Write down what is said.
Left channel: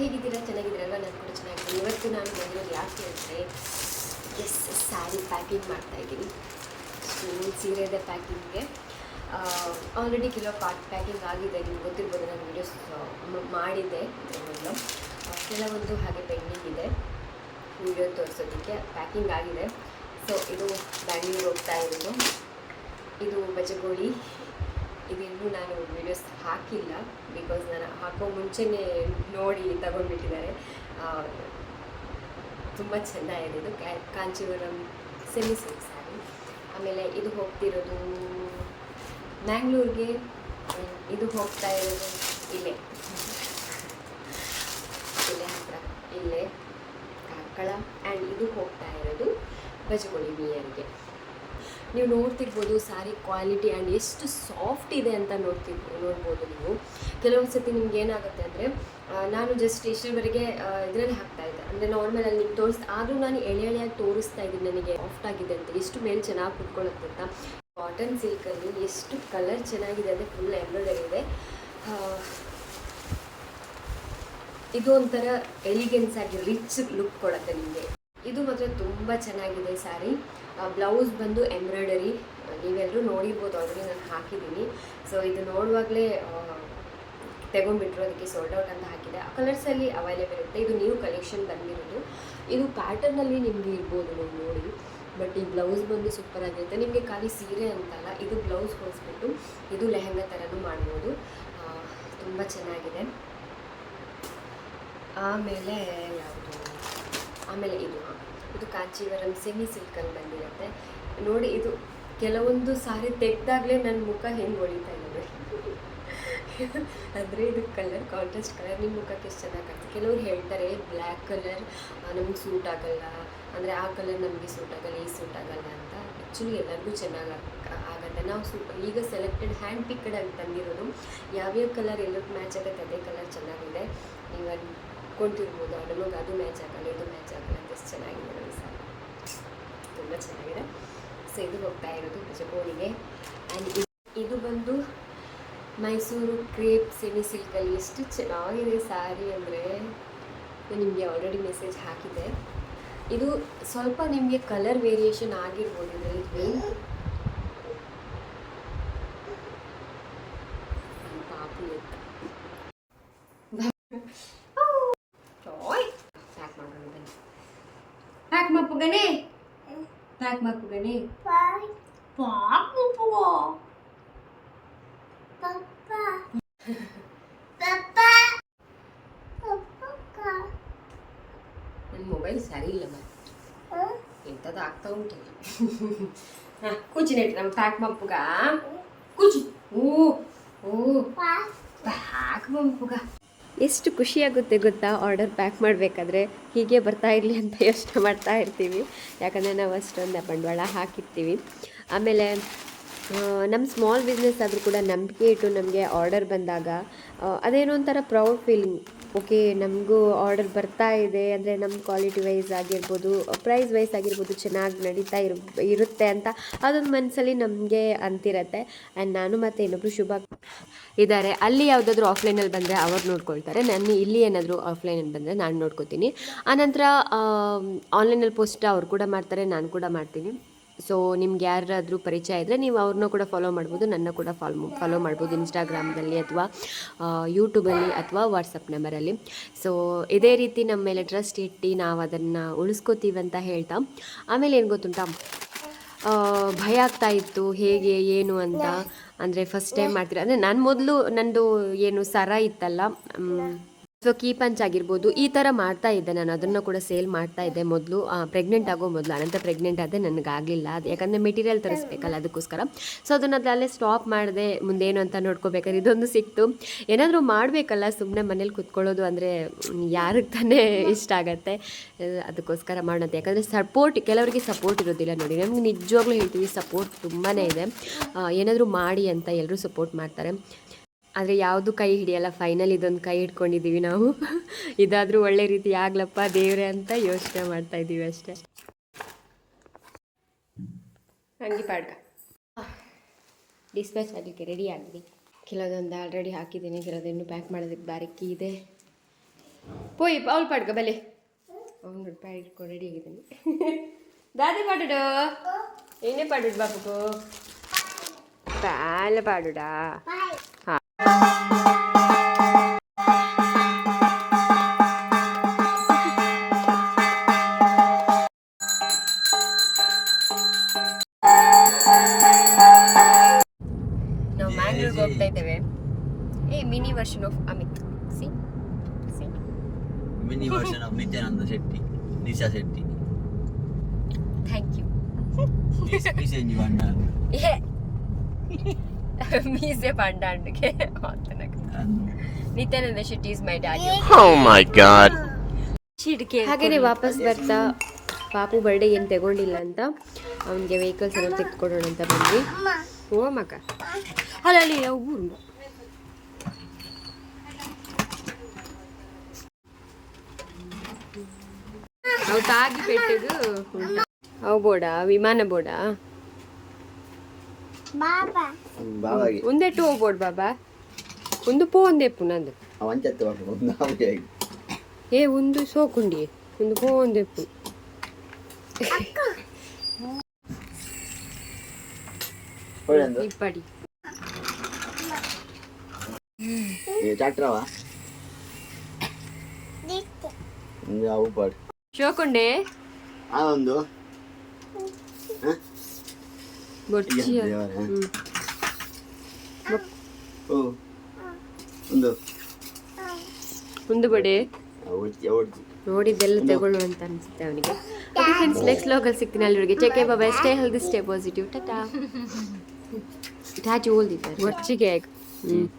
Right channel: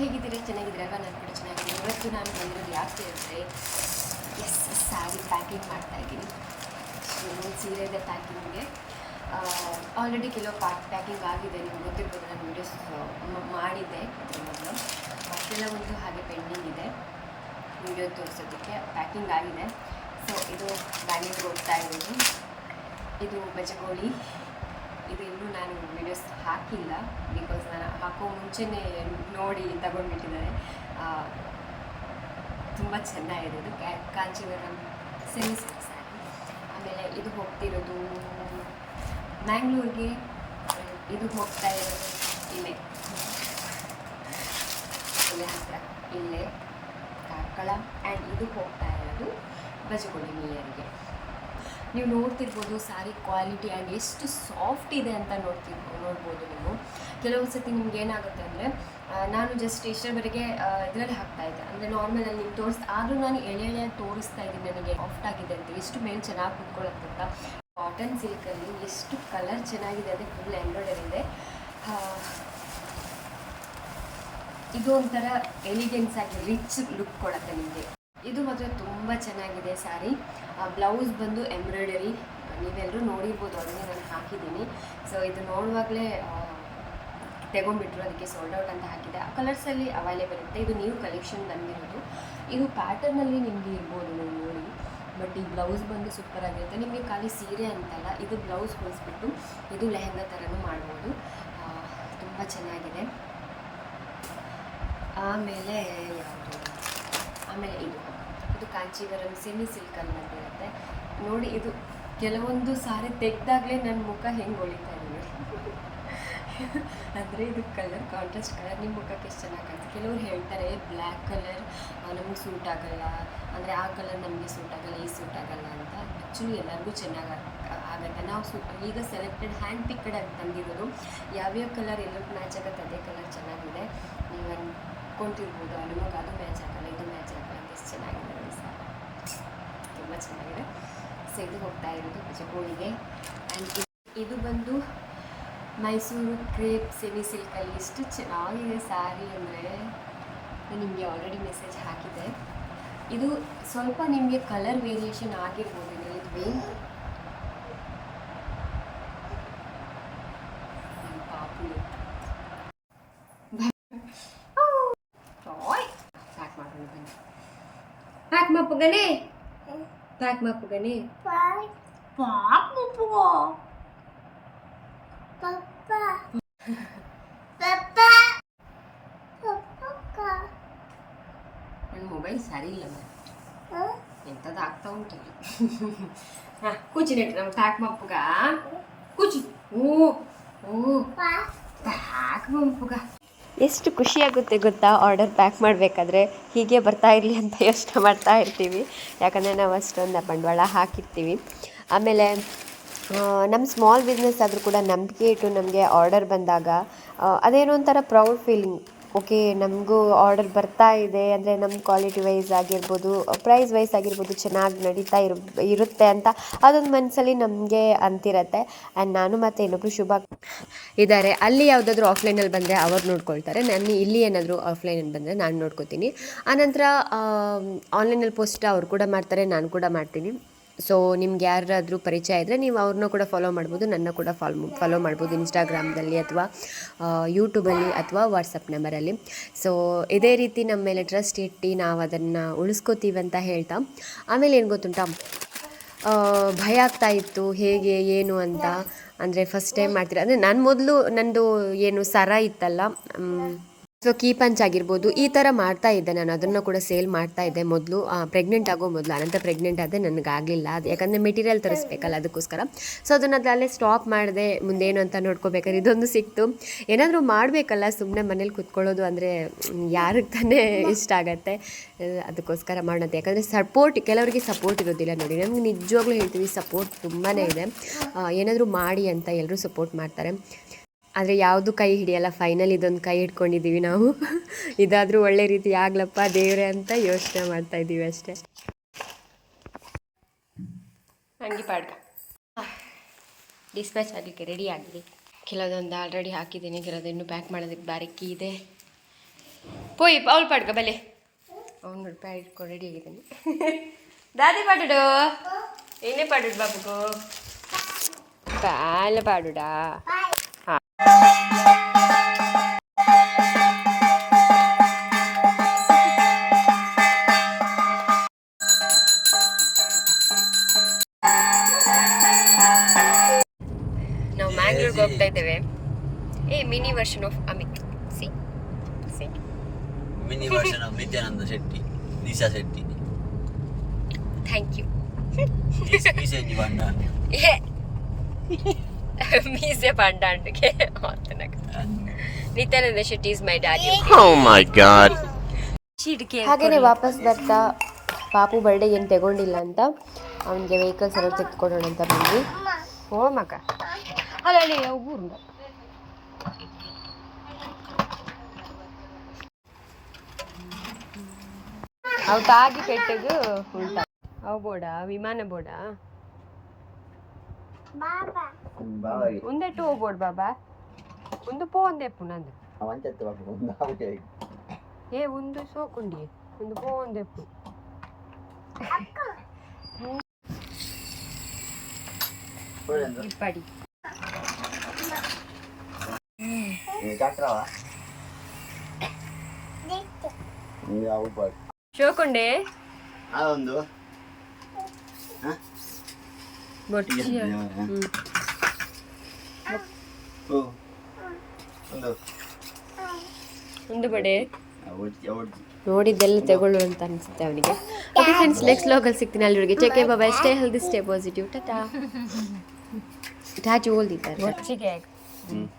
ಹೇಗಿದ್ದೀರಾ? ಚೆನ್ನಾಗಿದ್ದೀರಲ್ಲ? ನಾನು ಕೂಡ ಚೆನ್ನಾಗಿದ್ದೀನಿ. ಇವತ್ತು ನಾನು ಬಂದಿರೋದು ಯಾಕೆ ಅಂದರೆ ಸ್ಯಾರಿ ಪ್ಯಾಕಿಂಗ್ ಮಾಡ್ತಾಯಿದ್ದೀನಿ. ಸೀರೆದ ಪ್ಯಾಕಿಂಗ್ಗೆ ಆಲ್ರೆಡಿ ಕೆಲವು ಪ್ಯಾಕಿಂಗ್ ಆಗಿದೆ. ನಿಮ್ಗೆ ಗೊತ್ತಿರ್ಬೋದು, ನಾನು ವೀಡಿಯೋಸ್ ಮಾಡಿದ್ದೆ ಮೊದಲು. ಕೆಲವೊಂದು ಹಾಗೆ ಪೆಂಡಿಂಗ್ ಇದೆ ವೀಡಿಯೋ ತೋರಿಸೋದಕ್ಕೆ. ಪ್ಯಾಕಿಂಗ್ ಆಗಿದೆ. ಸೊ ಇದು ಬ್ಯಾಂಗ್ಳೂರಿಗೆ ಹೋಗ್ತಾ ಇರೋದು. ಇದು ಬಜಗೋಳಿ. ಇದಿನ್ನೂ ನಾನು ವೀಡಿಯೋಸ್ ಹಾಕಿಲ್ಲ, ಬಿಕಾಸ್ ನಾನು ಹಾಕೋ ಮುಂಚೆನೇ ನೋಡಿ ತಗೊಂಡ್ಬಿಟ್ಟಿದ್ದಾರೆ. ತುಂಬ ಚೆನ್ನಾಗಿದೆ. ಇದು ಕಾಂಚೀವರಂ ಸೆಮಿ ಸಿಲ್ಕ್ ಸ್ಯಾರಿ. ಆಮೇಲೆ ಇದು ಹೋಗ್ತಿರೋದು ಮ್ಯಾಂಗ್ಳೂರಿಗೆ. ಇದು ಹೋಗ್ತಾ ಇರೋದು ಇಲ್ಲೇ ಹತ್ತಿರ, ಇಲ್ಲೇ ಕಾರ್ಕಳ. ಆ್ಯಂಡ್ ಇದು ಹೋಗ್ತಾ ಇರೋದು ಬಜಗೋಳಿ ನಿಯರ್ಗೆ. ನೀವು ನೋಡ್ತಿರ್ಬೋದು ಸ್ಯಾರಿ ಕ್ವಾಲಿಟಿ ಆ್ಯಂಡ್ ಎಷ್ಟು ಸಾಫ್ಟ್ ಇದೆ ಅಂತ ನೋಡ್ಬೋದು ನೀವು. ಕೆಲವೊಂದು ಸತಿ ನಿಮ್ಗೆ ಏನಾಗುತ್ತೆ ಅಂದರೆ, ನಾನು ಜಸ್ಟ್ ಇಷ್ಟರವರೆಗೆ ಇದರಲ್ಲಿ ಹಾಕ್ತಾಯಿದ್ದೆ, ಅಂದರೆ ನಾರ್ಮಲಲ್ಲಿ ನಿಮ್ಗೆ ಆದರೂ ನಾನು ಎಳೆಯಾಗಿ ತೋರಿಸ್ತಾ ಇದ್ದೀನಿ ನನಗೆ ಸಾಫ್ಟ್ ಆಗಿದೆ ಅಂತ. ಎಷ್ಟು ಮೇಲೆ ಚೆನ್ನಾಗಿ ಕುತ್ಕೊಳ್ಳುತ್ತೆ ಅಂತ. ಕಾಟನ್ ಸಿಲ್ಕಲ್ಲಿ ಎಷ್ಟು ಕಲರ್ ಚೆನ್ನಾಗಿದೆ ಅಂದರೆ ಫುಲ್ ಎಂಬ್ರಾಯ್ಡರಿ ಇದೆ. ಇದು ಒಂಥರ ಎಲಿಗೆನ್ಸ್ ಆಗಿ ರಿಚ್ ಲುಕ್ ಕೊಡುತ್ತೆ ನಿಮಗೆ. ಇದು ಮಾತ್ರ ತುಂಬ ಚೆನ್ನಾಗಿದೆ ಸ್ಯಾರಿ. ಬ್ಲೌಸ್ ಬಂದು ಎಂಬ್ರಾಯ್ಡರಿ, ನೀವೆಲ್ಲರೂ ನೋಡಿರ್ಬೋದು, ಆಲ್ರೆಡಿ ನಾನು ಹಾಕಿದ್ದೀನಿ. ಸೊ ಇದು ನೋಡುವಾಗಲೇ ತೆಗೊಂಡ್ಬಿಟ್ರು, ಅದಕ್ಕೆ ಸೋಲ್ಡ್ ಔಟ್ ಅಂತ ಹಾಕಿದೆ. ಆ ಕಲರ್ಸಲ್ಲಿ ಅವೈಲೇಬಲ್ ಇರುತ್ತೆ. ಇದು ನ್ಯೂ ಕಲೆಕ್ಷನ್ ಬಂದಿರೋದು. ಇದು ಪ್ಯಾಟರ್ನಲ್ಲಿ ನಿಮಗೆ ಇರ್ಬೋದು ನೀವು ನೋಡಿ. ಬಟ್ ಈ ಬ್ಲೌಸ್ ಬಂದು ಸೂಪರ್ ಆಗಿರುತ್ತೆ. ನಿಮಗೆ ಖಾಲಿ ಸೀರೆ ಅಂತಲ್ಲ, ಇದು ಬ್ಲೌಸ್ ಹೊಲಿಸ್ಬಿಟ್ಟು ಇದು ಲೆಹಂಗಾ ಥರನೂ ಮಾಡ್ಬೋದು. ತುಂಬ ಚೆನ್ನಾಗಿದೆ. ಆಮೇಲೆ ಇದು ಕಾಂಚೀವರಂ ಸೆಮಿ ಸಿಲ್ಕಲ್ಲಿ ಬಂದಿರುತ್ತೆ ನೋಡಿ. ಇದು ಕೆಲವೊಂದು ಸಾರಿ ತೆಗೆದಾಗಲೇ ನನ್ನ ಮುಖ ಹೆಂಗೆ ಹೊಳಿತಾ ಇದೆ ಅಂದರೆ ಇದು ಕಲರ್ ಕಾಂಟ್ರಾಸ್ಟ್ ಕಲರ್ ನಿಮ್ಮ ಮುಖಕ್ಕೆ ಎಷ್ಟು ಚೆನ್ನಾಗಿ ಕಾಣ್ತದೆ. ಕೆಲವ್ರು ಹೇಳ್ತಾರೆ ಬ್ಲ್ಯಾಕ್ ಕಲರ್ ನಮಗೆ ಸೂಟ್ ಆಗಲ್ಲ, ಅಂದರೆ ಆ ಕಲರ್ ನಮಗೆ ಸೂಟ್ ಆಗಲ್ಲ, ಈ ಸೂಟ್ ಆಗಲ್ಲ ಅಂತ. ಆ್ಯಕ್ಚುಲಿ ಎಲ್ಲರಿಗೂ ಚೆನ್ನಾಗಿ ಆಗುತ್ತೆ. ನಾವು ಈಗ ಸೆಲೆಕ್ಟೆಡ್ ಹ್ಯಾಂಡ್ ಪಿಕ್ಡ್ ಆಗಿ ತಂದಿರೋದು. ಯಾವ್ಯಾವ ಕಲರ್ ಎಲ್ಲಕ್ಕೆ ಮ್ಯಾಚ್ ಆಗುತ್ತೆ ಅದೇ ಕಲರ್ ಚೆನ್ನಾಗಿದೆ. ನೀವು ಅನ್ಕೊಂತಿರ್ಬೋದು ನಮಗೆ ಅದು ಮ್ಯಾಚ್ ಆಗಲ್ಲ, ಇದು ಮ್ಯಾಚ್ ಆಗಲ್ಲ, ಎಷ್ಟು ಚೆನ್ನಾಗಿದೆ ನೋಡಿ ಸರ್, ತುಂಬ ಚೆನ್ನಾಗಿದೆ. ಸೊ ಇದು ಹೋಗ್ತಾ ಇರೋದು ಬಜಗೋಳಿಗೆ. ಆ್ಯಂಡ್ ಇದು ಬಂದು ಮೈಸೂರು ಕ್ರೇಪ್ ಸೆಮಿ ಸಿಲ್ಕಲ್ಲಿ ಎಷ್ಟು ಚೆನ್ನಾಗಿದೆ ಸ್ಯಾರಿ ಅಂದರೆ, ನಾನು ನಿಮಗೆ ಆಲ್ರೆಡಿ ಮೆಸೇಜ್ ಹಾಕಿದೆ. ಇದು ಸ್ವಲ್ಪ ನಿಮಗೆ ಕಲರ್ ವೇರಿಯೇಷನ್ ಆಗಿರ್ಬೋದು ಇದರಲ್ಲಿ. ಪಾಪು ಪ್ಯಾಕ್ ಮಪ್ಪುಗನೆ ನನ್ನ ಮೊಬೈಲ್ ಸರಿ ಇಲ್ಲ ಎಂಥದ್ದು ಆಗ್ತಾ ಉಂಟು. ಹಾಂ ಕೂಚಿ ನೆಟ್ಟು ನಮ್ಮ ಪ್ಯಾಕ್ ಮಪ್ಪುಗ ಕೂಚಿ. ಪ್ಯಾಕ್ ಮಪ್ಪುಗ ಎಷ್ಟು ಖುಷಿಯಾಗುತ್ತೆ ಗೊತ್ತಾ ಆರ್ಡರ್ ಪ್ಯಾಕ್ ಮಾಡಬೇಕಾದ್ರೆ. ಹೀಗೆ ಬರ್ತಾ ಇರಲಿ ಅಂತ ಯೋಚನೆ ಮಾಡ್ತಾ ಇರ್ತೀವಿ, ಯಾಕಂದರೆ ನಾವು ಅಷ್ಟೊಂದು ಬಂಡವಾಳ ಹಾಕಿರ್ತೀವಿ. ಆಮೇಲೆ ನಮ್ಮ ಸ್ಮಾಲ್ ಬಿಸ್ನೆಸ್ ಆದರೂ ಕೂಡ ನಂಬಿಕೆ ಇಟ್ಟು ನಮಗೆ ಆರ್ಡರ್ ಬಂದಾಗ ಅದೇನೋ ಒಂಥರ ಪ್ರೌಡ್ ಫೀಲಿಂಗ್. ಓಕೆ, ನಮಗೂ ಆರ್ಡರ್ ಬರ್ತಾ ಇದೆ ಅಂದರೆ ನಮ್ಮ ಕ್ವಾಲಿಟಿ ವೈಸ್ ಆಗಿರ್ಬೋದು, ಪ್ರೈಸ್ ವೈಸ್ ಆಗಿರ್ಬೋದು ಚೆನ್ನಾಗಿ ನಡೀತಾ ಇರುತ್ತೆ ಅಂತ ಅದೊಂದು ಮನಸ್ಸಲ್ಲಿ ನಮಗೆ ಅಂತಿರುತ್ತೆ. ಆ್ಯಂಡ್ ನಾನು ಮತ್ತು ಇನ್ನೊಬ್ಬರು ಶುಭ ಇದ್ದಾರೆ, ಅಲ್ಲಿ ಯಾವುದಾದ್ರೂ ಆಫ್ಲೈನಲ್ಲಿ ಬಂದರೆ ಅವ್ರು ನೋಡ್ಕೊಳ್ತಾರೆ. ನಾನು ಇಲ್ಲಿ ಏನಾದರೂ ಆಫ್ಲೈನಲ್ಲಿ ಬಂದರೆ ನಾನು ನೋಡ್ಕೋತೀನಿ. ಆನಂತರ ಆನ್ಲೈನಲ್ಲಿ ಪೋಸ್ಟ್ ಅವ್ರು ಕೂಡ ಮಾಡ್ತಾರೆ, ನಾನು ಕೂಡ ಮಾಡ್ತೀನಿ. ಸೊ ನಿಮ್ಗೆ ಯಾರಾದರೂ ಪರಿಚಯ ಇದ್ದರೆ ನೀವು ಅವ್ರನ್ನ ಕೂಡ ಫಾಲೋ ಮಾಡ್ಬೋದು, ನನ್ನ ಕೂಡ ಫಾಲೋ ಮಾಡ್ಬೋದು ಇನ್ಸ್ಟಾಗ್ರಾಮ್ದಲ್ಲಿ ಅಥವಾ ಯೂಟ್ಯೂಬಲ್ಲಿ ಅಥವಾ ವಾಟ್ಸಪ್ ನಂಬರಲ್ಲಿ. ಸೊ ಇದೇ ರೀತಿ ನಮ್ಮ ಮೇಲೆ ಟ್ರಸ್ಟ್ ಇಟ್ಟು ನಾವು ಅದನ್ನು ಉಳಿಸ್ಕೋತೀವಿ ಅಂತ ಹೇಳ್ತಾ, ಆಮೇಲೆ ಏನು ಗೊತ್ತುಂಟಾ, ಭಯ ಆಗ್ತಾ ಇತ್ತು ಹೇಗೆ ಏನು ಅಂತ. ಅಂದರೆ ಫಸ್ಟ್ ಟೈಮ್ ಮಾಡ್ತೀರಾ ಅಂದರೆ ನಾನು ಮೊದಲು ನಂದು ಏನು ಸರ ಇತ್ತಲ್ಲ, ಸೊ ಕೀ ಪಂಚ್ ಆಗಿರ್ಬೋದು, ಈ ಥರ ಮಾಡ್ತಾ ಇದ್ದೆ ನಾನು. ಅದನ್ನು ಕೂಡ ಸೇಲ್ ಮಾಡ್ತಾ ಇದ್ದೆ ಮೊದಲು, ಪ್ರೆಗ್ನೆಂಟ್ ಆಗೋ ಮೊದಲು. ಅನಂತರ ಪ್ರೆಗ್ನೆಂಟ್ ಆದರೆ ನನಗಾಗಲಿಲ್ಲ, ಅದು ಯಾಕಂದರೆ ಮೆಟೀರಿಯಲ್ ತರಿಸ್ಬೇಕಲ್ಲ ಅದಕ್ಕೋಸ್ಕರ. ಸೊ ಅದನ್ನು ಅಲ್ಲೇ ಸ್ಟಾಪ್ ಮಾಡಿದೆ. ಮುಂದೇನು ಅಂತ ನೋಡ್ಕೋಬೇಕಾದ್ರೆ ಇದೊಂದು ಸಿಕ್ತು. ಏನಾದರೂ ಮಾಡಬೇಕಲ್ಲ, ಸುಮ್ಮನೆ ಮನೇಲಿ ಕುತ್ಕೊಳ್ಳೋದು ಅಂದರೆ ಯಾರಿಗೆ ತಾನೇ ಇಷ್ಟ ಆಗತ್ತೆ, ಅದಕ್ಕೋಸ್ಕರ ಮಾಡೋದು. ಯಾಕಂದರೆ ಕೆಲವರಿಗೆ ಸಪೋರ್ಟ್ ಇರೋದಿಲ್ಲ ನೋಡಿ. ನಮ್ಗೆ ನಿಜವಾಗ್ಲೂ ಹೇಳ್ತೀವಿ, ಸಪೋರ್ಟ್ ತುಂಬಾ ಇದೆ. ಏನಾದರೂ ಮಾಡಿ ಅಂತ ಎಲ್ಲರೂ ಸಪೋರ್ಟ್ ಮಾಡ್ತಾರೆ, ಆದರೆ ಯಾವುದು ಕೈ ಹಿಡಿಯಲ್ಲ. ಫೈನಲ್ ಇದೊಂದು ಕೈ ಹಿಡ್ಕೊಂಡಿದ್ದೀವಿ ನಾವು. ಇದಾದರೂ ಒಳ್ಳೆ ರೀತಿ ಆಗ್ಲಪ್ಪ ದೇವ್ರೆ ಅಂತ ಯೋಚನೆ ಮಾಡ್ತಾಯಿದ್ದೀವಿ ಅಷ್ಟೇ. ಹಂಗೆ ಪಾಡ್ಕ ಡಿಸ್ಪ್ಯಾಚ್ ಆಗಲಿಕ್ಕೆ ರೆಡಿ ಆಗಿದೆ. ಕೆಲವೊಂದು ಆಲ್ರೆಡಿ ಹಾಕಿದ್ದೀನಿ, ಕೆಲವೊಂದು ಇನ್ನೂ ಪ್ಯಾಕ್ ಮಾಡೋದಕ್ಕೆ ಬಾರಿಕಿ ಇದೆ. పోయి పౌలు పాడుకో బలే అవును పాడుకో రెడీ ಆಗಿದ್ದಾನೆ దాది పాడుడు ఏనే పాడుడు బాబుకు పాల పాడుడా ನಾವು ಮ್ಯಾಂಗ್ಳೂರ್ಗೆ ಹೋಗ್ತಾ ಇದ್ದೇವೆ mini version of Amit C mini version of Nityananda Shetty Disha Shetty thank you ಮೀಸೆಂಜಿ ಬಂಡ ಮೀಸೆ ಪಂಡಾಂಡ್ಗೆ Nityananda Shetty is my daddy Oh my god. ಹಾಗೇನೆ ವಾಪಸ್ ಬರ್ತಾ ಪಾಪು ಬರ್ಡೇ ಏನು ತಗೊಂಡಿಲ್ಲ ಅಂತ ಅವನಿಗೆ ವೆಹಿಕಲ್ಸ್ ಎಲ್ಲ ತೆಗೆದುಕೊಡೋಣ ಅಂತ ಬಂದ್ವಿ ಓ ಮಗ ಅಲ್ಲ ಊರು ಅವು ತಾಗಿ ಪೆಟ್ಟದು ಉಂಟ ಅವು ಬೋಡ ವಿಮಾನ ಬೋಡ ಒಂದೆಟ್ಟು ಹೋಗ್ಬೋಡು ಬಾಬಾ ಒಂದು ಪೋ ಒಂದೆಪ್ಪು ನಂದು ಒಂದು ಸೋಕುಂಡಿ ಒಂದು ಪೋ ಒಂದೆಪ್ಪು ಇಪ್ಪಡಿ ಶೋಕುಂಡೆ ಅದೊಂದು ಬೊಟ್ಟಿಯ ಒಂದು ಬಡೆ ನೋಡಿದ್ದೆಲ್ಲ ತಗೊಳ್ಳು ಅಂತ ಅನಿಸುತ್ತೆ ಅವನಿಗೆ ಓಕೆ ಫ್ರೆಂಡ್ಸ್ ನೆಕ್ಸ್ಟ್ ಲಾಗಲ್ಲಿ ಸಿಗ್ತೀನಿ ಅಲ್ಲಿವರೆಗೆ take bye stay healthy stay positive tata Raju ಓಲ್ದಿದ್ದಾರೆ